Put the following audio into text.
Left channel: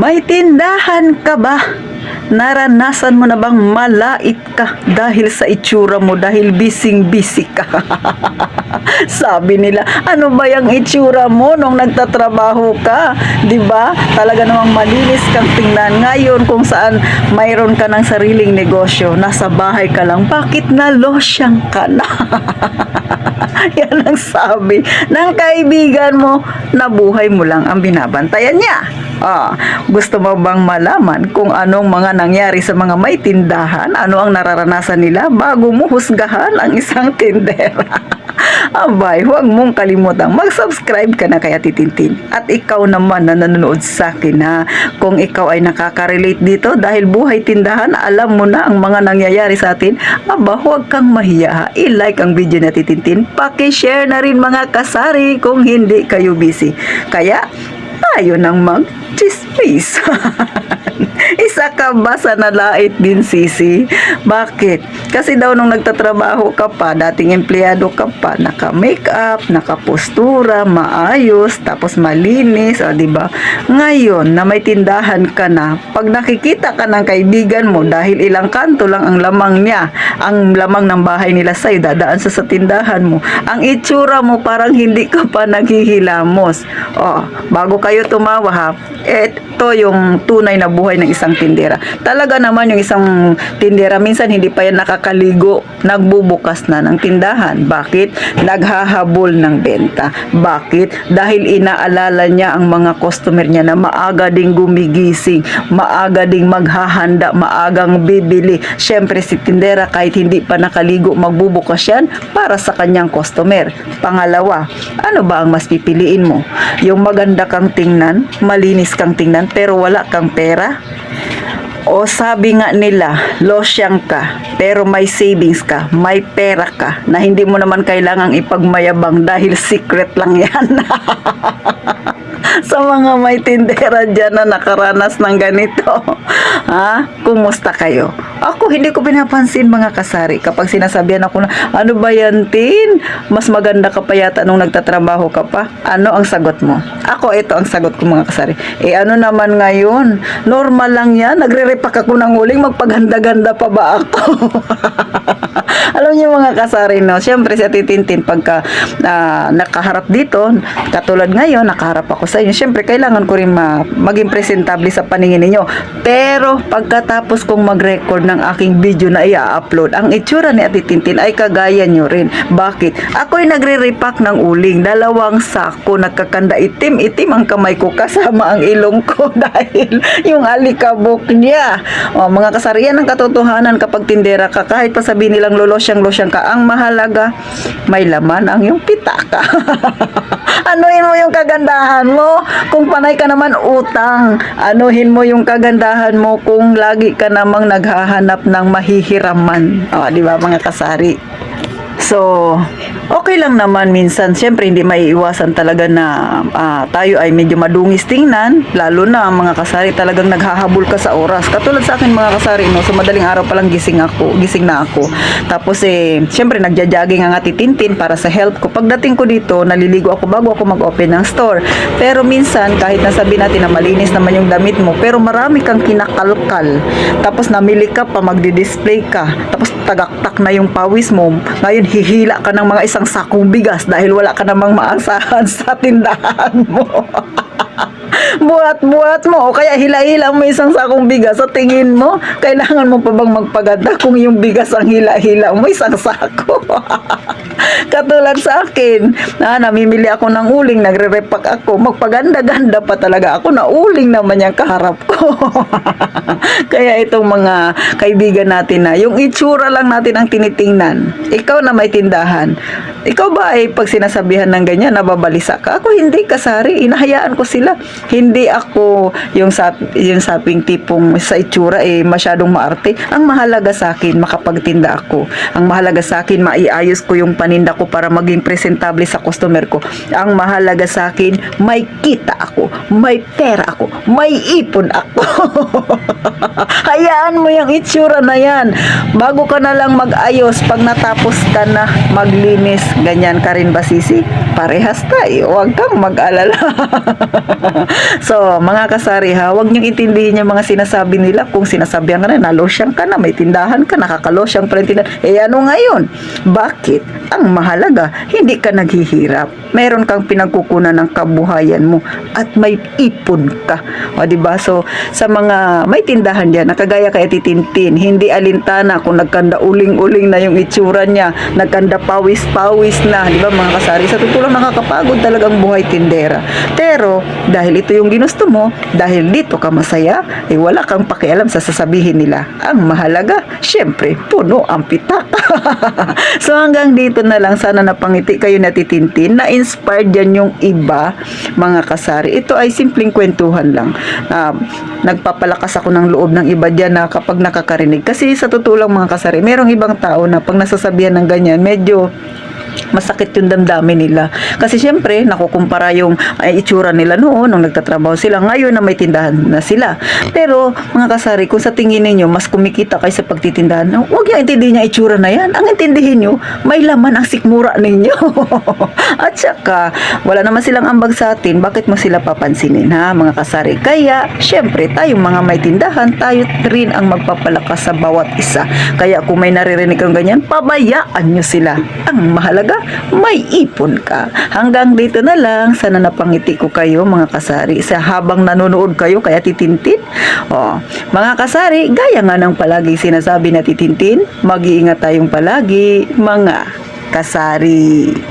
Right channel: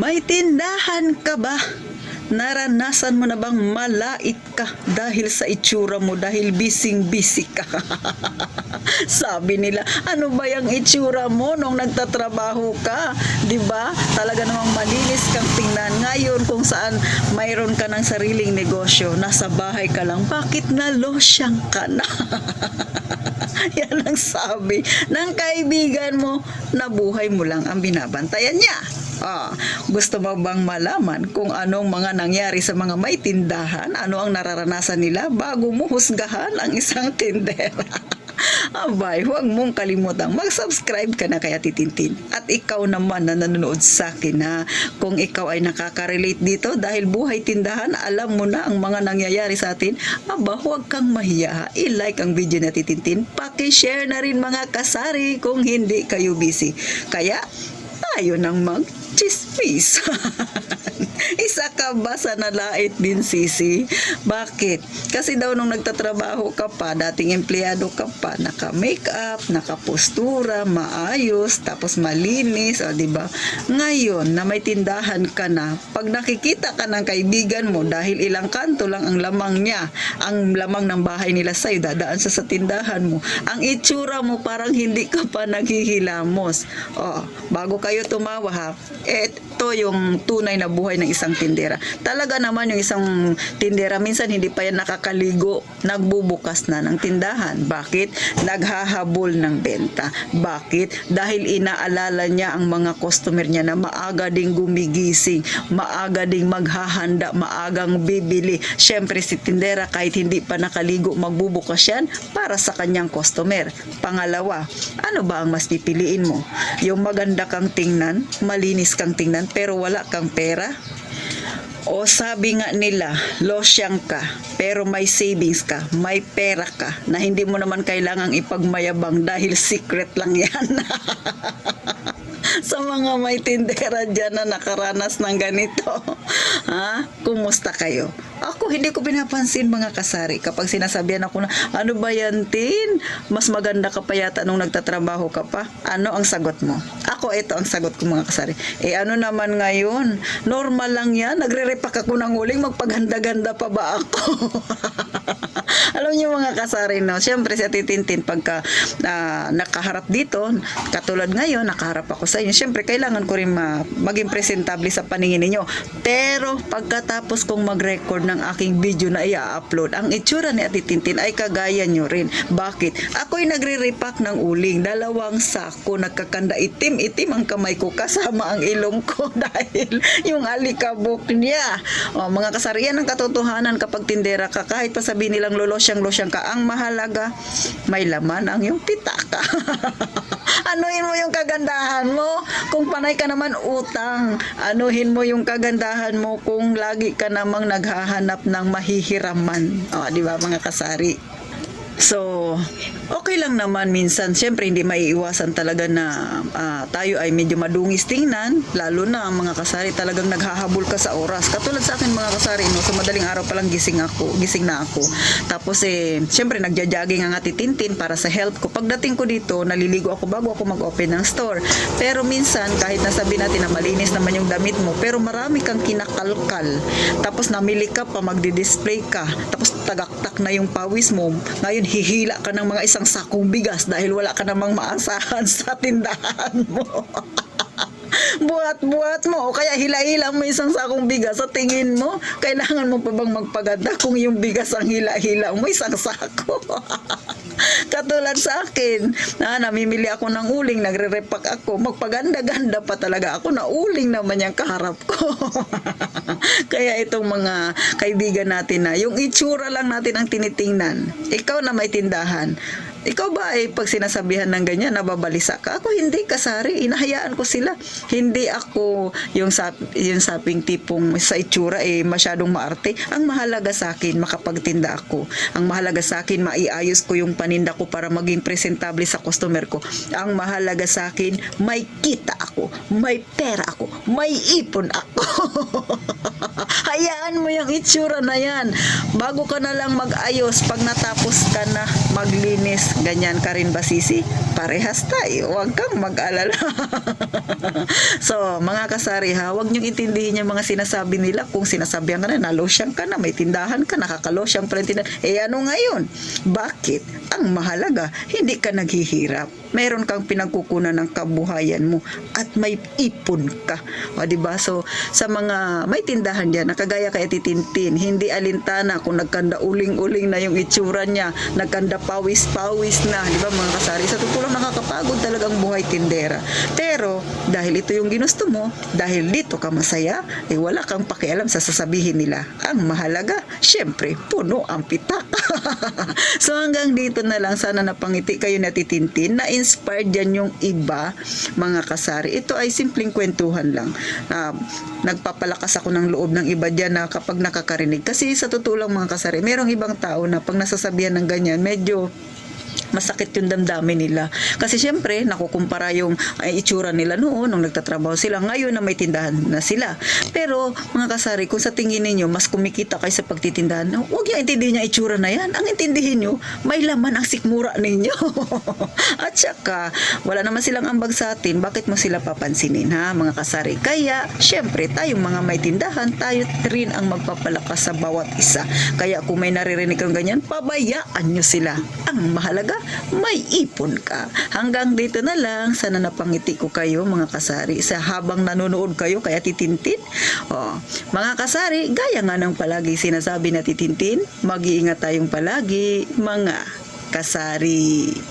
May tindahan ka ba? Naranasan mo na bang malait ka dahil sa itsura mo, dahil bising-busy ka? Sabi nila, ano ba yung itsura mo nung nagtatrabaho ka? 'Di ba? Talaga namang malinis kang tingnan. Ngayon kung saan mayroon ka ng sariling negosyo, nasa bahay ka lang, bakit na losyang ka na? Yan ang sabi ng kaibigan mo na buhay mo lang ang binabantayan niya. Gusto mo bang malaman kung anong mga nangyari sa mga may tindahan? Ano ang nararanasan nila bago mo husgahan ang isang tindera? Abay, huwag mong kalimutang mag-subscribe ka na kay Ate Tintin. At ikaw naman na nanonood sa akin, ha, kung ikaw ay nakaka-relate dito dahil buhay tindahan, alam mo na ang mga nangyayari sa atin, huwag kang mahiya, ha. I-like ang video ni Ate Tintin, paki-share na rin mga kasari kung hindi kayo busy. Kaya, tayo nang mag-chismis. Isa ka ba sa nalait din, Sisi? Bakit? Kasi daw nung nagtatrabaho ka pa, dating empleyado ka pa, naka-makeup, naka-postura, maayos, tapos malinis, di ba? Ngayon, na may tindahan ka na, pag nakikita ka ng kaibigan mo, dahil ilang kanto lang ang lamang niya, ang lamang ng bahay nila sa'yo, dadaan sa tindahan mo, ang itsura mo parang hindi ka pa naghihilamos. Bago kayo tumawa, ha, ito yung tunay na buhay ng isang tindera. Talaga naman yung isang tindera, minsan hindi pa yan nakakaligo, nagbubukas na ng tindahan. Bakit? Naghahabol ng benta. Bakit? Dahil inaalala niya ang mga customer niya na maaga ding gumigising, maaga ding maghahanda, maagang bibili. Siyempre si tindera kahit hindi pa nakaligo, magbubukas yan para sa kanyang customer. Pangalawa, ano ba ang mas pipiliin mo? Yung maganda kang tingnan, malinis kang tingnan, pero wala kang pera? O sabi nga nila, losyang ka, pero may savings ka, may pera ka, na hindi mo naman kailangang ipagmayabang dahil secret lang yan. Sa mga may tindera dyan na nakaranas ng ganito, kumusta kayo? Ako, hindi ko pinapansin mga kasari kapag sinasabihan ako na, ano ba yan, Tin? Mas maganda ka pa yata nung nagtatrabaho ka pa. Ano ang sagot mo? Ako, ito ang sagot ko mga kasari. Ano naman ngayon? Normal lang yan. Nagre-repack ako ng uling. Magpaganda-ganda pa ba ako? Alam niyo mga kasari, no? Siyempre si Ate Tintin, pagka nakaharap dito, katulad ngayon, nakaharap ako sa inyo, siyempre kailangan ko rin maging presentable sa paningin ninyo. Pero pagkatapos kong mag-record ng aking video na i-upload, ang itsura ni Ate Tintin ay kagaya nyo rin. Bakit? Ako'y nagre-repack ng uling. 2 sako, nagkakanda itim-itim ang kamay ko kasama ang ilong ko dahil yung alikabok niya. Mga kasari, yan ang katotohanan kapag tindera ka. Kahit pa sabihin nilang losyang ka, ang mahalaga, may laman ang yung pitaka. Anuhin mo yung kagandahan mo kung panay ka naman utang. Anuhin mo yung kagandahan mo kung lagi ka namang naghahanap ng mahihiraman. Di ba mga kasari? So, okay lang naman minsan. Siyempre, hindi maiiwasan talaga na tayo ay medyo madungis tingnan. Lalo na mga kasari talagang naghahabol ka sa oras. Katulad sa akin mga kasari, no, so madaling araw pa lang gising na ako. Tapos siyempre nagja-jogging ang Ate Tintin para sa health ko. Pagdating ko dito, naliligo ako bago ako mag-open ng store. Pero minsan, kahit nasabi natin na malinis naman yung damit mo, pero marami kang kinakalkal. Tapos namili ka pa, magdi-display ka. Tapos tagaktak na yung pawis mo. Ngayon, hihila ka ng mga isang sakong bigas dahil wala ka namang maasahan sa tindahan mo. Buhat-buhat mo o kaya hila-hila mo isang sakong bigas. Sa tingin mo, kailangan mo pa bang magpaganda kung yung bigas ang hila-hila mo isang sako? Katulad sa akin, namimili ako ng uling, nagre-repack ako, magpaganda-ganda pa talaga ako na uling naman yung kaharap ko. Kaya itong mga kaibigan natin na yung itsura lang natin ang tinitingnan. Ikaw na may tindahan, ikaw ba ay pag sinasabihan ng ganyan, nababalisa ka? Ako hindi, kasari, inahayaan ko sila. Hindi ako yung saping tipong sa itsura masyadong maarte. Ang mahalaga sa akin, makapagtinda ako. Ang mahalaga sa akin, maiayos ko yung paninda ko para maging presentable sa customer ko. Ang mahalaga sa akin, may kita ako, may pera ako, may ipon ako. Hayaan mo yung itsura na yan. Bago ka na lang mag-ayos, pag natapos ka na maglinis, ganyan ka rin ba, Sisi? parehas tayo, huwag kang mag-alala. So, mga kasari ha, huwag niyong intindihin yung mga sinasabi nila. Kung sinasabihan ka na, nalosyang ka na, may tindahan ka, nakakalosyang pa rin tindahan. Ano ngayon? Bakit? Ang mahalaga, hindi ka naghihirap. Meron kang pinagkukunan ng kabuhayan mo at may ipon ka. O, diba? So, sa mga may tindahan diyan, nakagaya kay Titintin, hindi alintana kung nagkanda uling-uling na yung itsura niya, nagkanda pawis-pawis na, diba mga kasari? Sa totoo lang nakakapagod talagang buhay tindera. Pero, dahil ito yung ginusto mo, dahil dito ka masaya, wala kang pakialam sa sasabihin nila. Ang mahalaga, syempre, puno ang pitak. So, hanggang dito na lang, sana napangiti kayo na Titintin, na inspired yan yung iba, mga kasari. Ito ay simpleng kwentuhan lang. Nagpapalakas ako ng loob ng iba dyan na kapag nakakarinig. Kasi sa totoo lang mga kasari, merong ibang tao na pag nasasabihan ng ganyan, medyo masakit yung damdamin nila. Kasi syempre, nakukumpara yung itsura nila noon nung nagtatrabaho sila. Ngayon na may tindahan na sila. Pero, mga kasari, kung sa tingin ninyo, mas kumikita kayo sa pagtitindahan, huwag niya intindihin niya itsura na yan. Ang intindihin nyo, may laman ang sikmura ninyo. At saka, wala naman silang ambag sa atin. Bakit mo sila papansinin, ha, mga kasari? Kaya, syempre, tayong mga may tindahan, tayo rin ang magpapalakas sa bawat isa. Kaya, kung may naririnig kang ganyan, pabayaan nyo sila. Ang mahalaga, may ipon ka. Hanggang dito na lang. Sana napangiti ko kayo, mga kasari, sa habang nanonood kayo kaya Titintin. Mga kasari, gaya nga ng palagi sinasabi na Titintin, mag-iingat tayong palagi, mga kasari.